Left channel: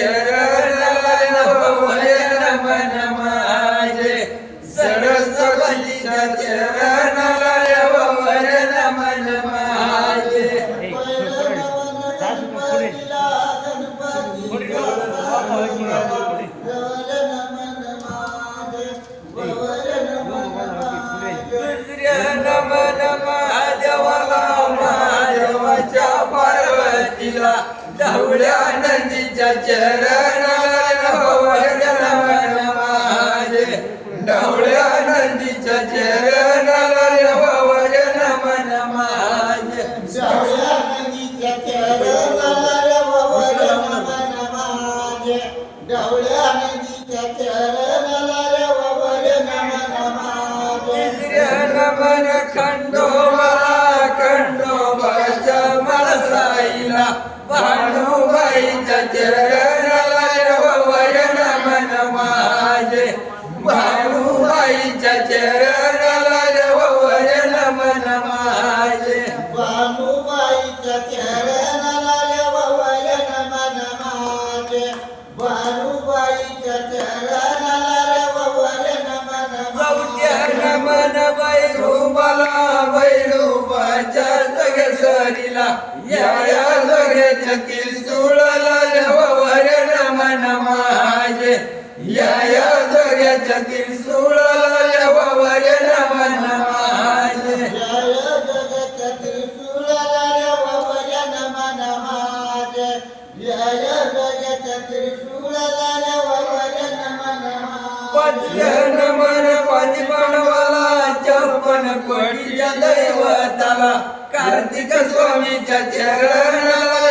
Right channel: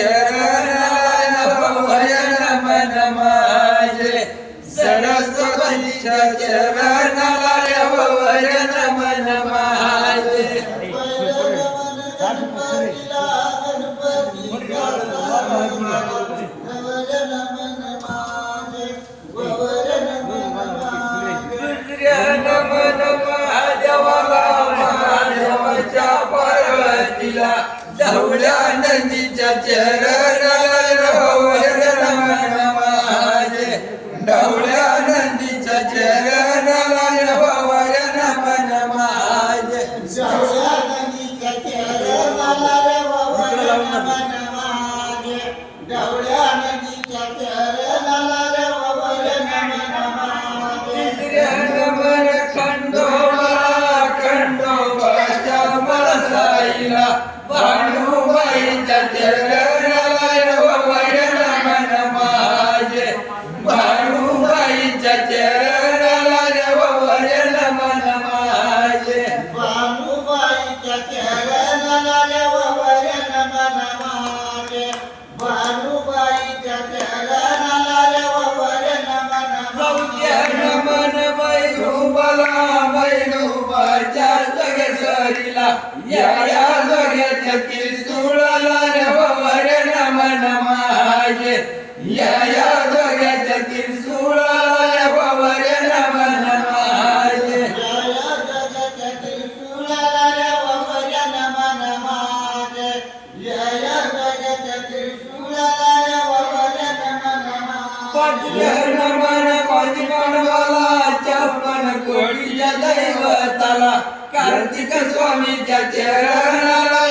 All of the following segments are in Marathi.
चरणाला नमन माझे सरस्वतीच्या चरणाला नमन माझे नमन महादेवाला महादेवाच्या पार्वतीला ढवळ्या नंदीच्या चरणाला नमन माझे ढवळ्या नंदीच्या चरणाला नमन माझे ढवळ्या नंदीच्या चरणाला नमन माझे ढवळ्या नंदीच्या चरणाला नमन माझे नमन खंडोबाच्या मळसाईला भानुबाईच्या चरणाला नमन माझे भानुबाईच्या चरणाला नमन माझे भानुबाईच्या चरणाला नमन माझे भानुबाईच्या चरणाला नमन चौथ्या नमन वैरूबाच्या जगसरीला या जोग्याच्या त्रिशूळाला नमन माझे या जोग्याच्या त्रिशूळाला नमन माझे जगच्या त्रिशूळाला नमन माझे जगच्या त्रिशूळाला नमन पाचव्या नमन पाचपणवाला चप्पन कोटीच्या दैवताला कार्तिक स्वामीच्या चरणाला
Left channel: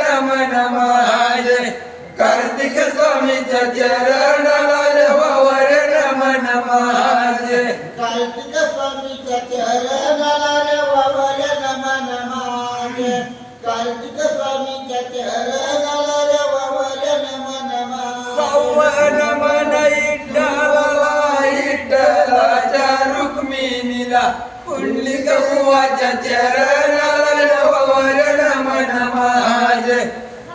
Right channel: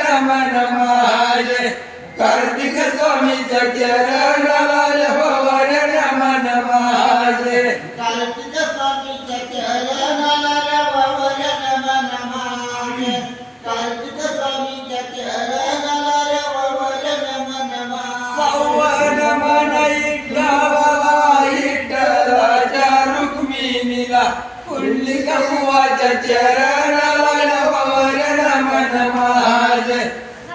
नमन माझे कार्तिक स्वामीच्या चरणाला नमन माझे कार्तिक स्वामीच्या चरणाला नमन माझे कार्तिक स्वामीच्या चरणाला नमन माझे सव्वन मन इट्टलाच्या रुक्मिणीला पुंडलिक बुवाच्या चरणाला नमन माझे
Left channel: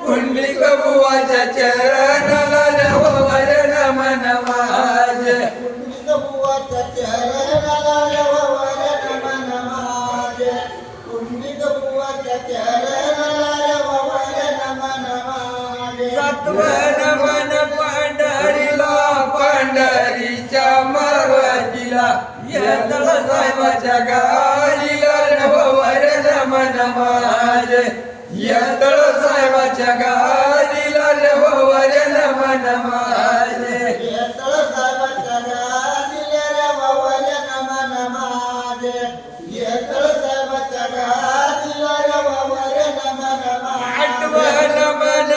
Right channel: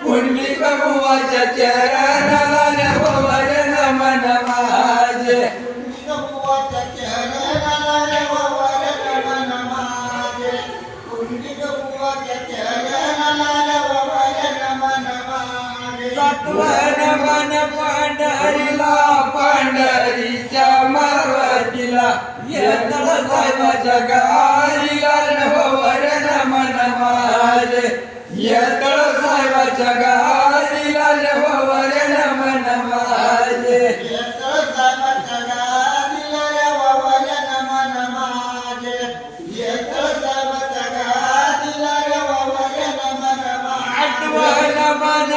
पुंडलिक बुवाच्या चरणाला नमन माझे पुंडलिक बुवाच्या चरणाला नमन माझे पुंडलिक बुवाच्या चरणाला नमन माझे सातवन मन पंढरीच्या मार्वतीला येतळ साहेबाच्या गाडीला नमन माझे येतळ साहेबाच्या गाडीला नमन माझे येतळ साहेबाच्या गाडीला नमन माझे येतळ साहेबाच्या गाडीला नमन आठवण मन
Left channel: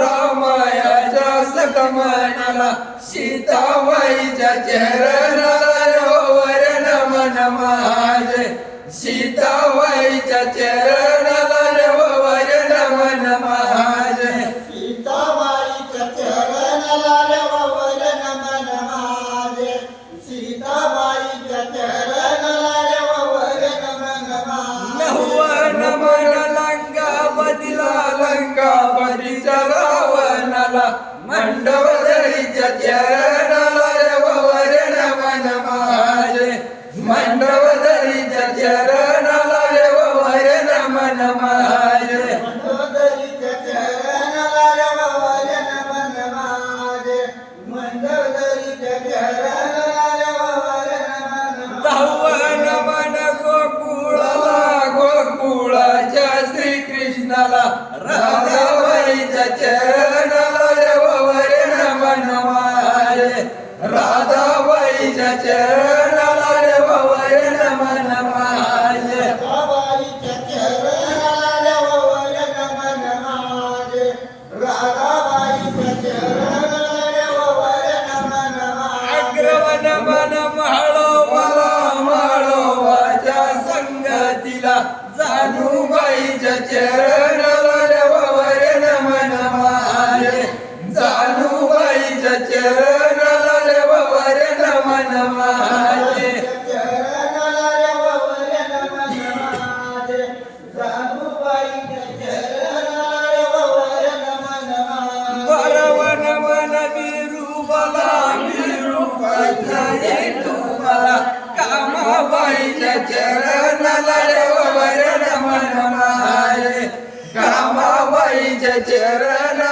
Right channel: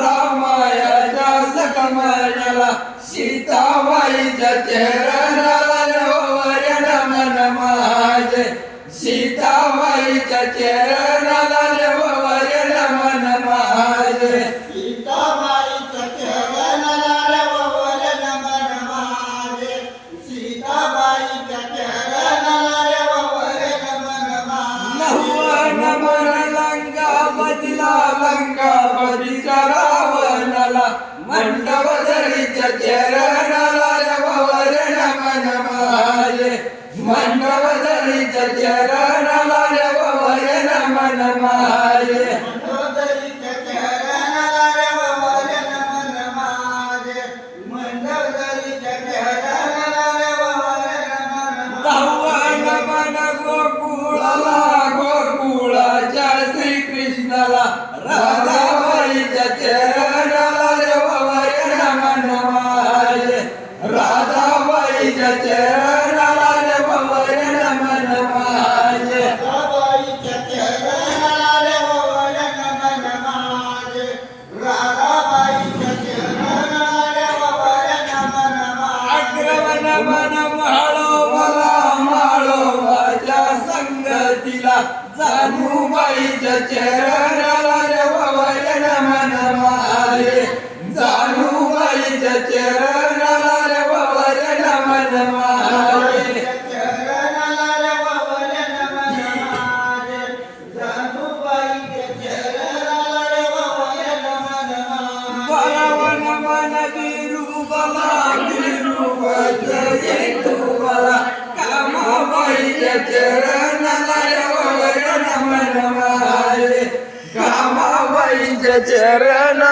रामायाच्या सकमान्याला सीताबाईच्या चरणाला नमन माझे सीताबाईच्या चरणाला नमन माझे सीताबाईच्या चरणाला नमन माझे सीताबाईच्या चरणाला नमन नव्वन मन लंकावतीच्या रावणाला मंडवदरीच्या चरणाला नमन माझे मंडवदरीच्या चरणाला नमन माझे मंडोदरीच्या चरणाला नमन माझे मंडोदरीच्या चरणाला नमन धावन मन गोकुळाच्या श्रीकृष्णाला राधाबाईच्या चरणाला नमन माझे राधाबाईच्या चरणाला नमन माझे राधाबाईच्या चरणाला नमन माझे राधाबाईच्या चरणाला नमन अग्रवन मन माळोबाच्या संगतीला जानुबाईच्या चरणाला नमन माझे जानुबाईच्या चरणाला नमन माझे नमन विरूपला विरूपाची तुम्हाला कामाबाईच्या चरणाला देवावर नमन माझे कामाबाईच्या चरण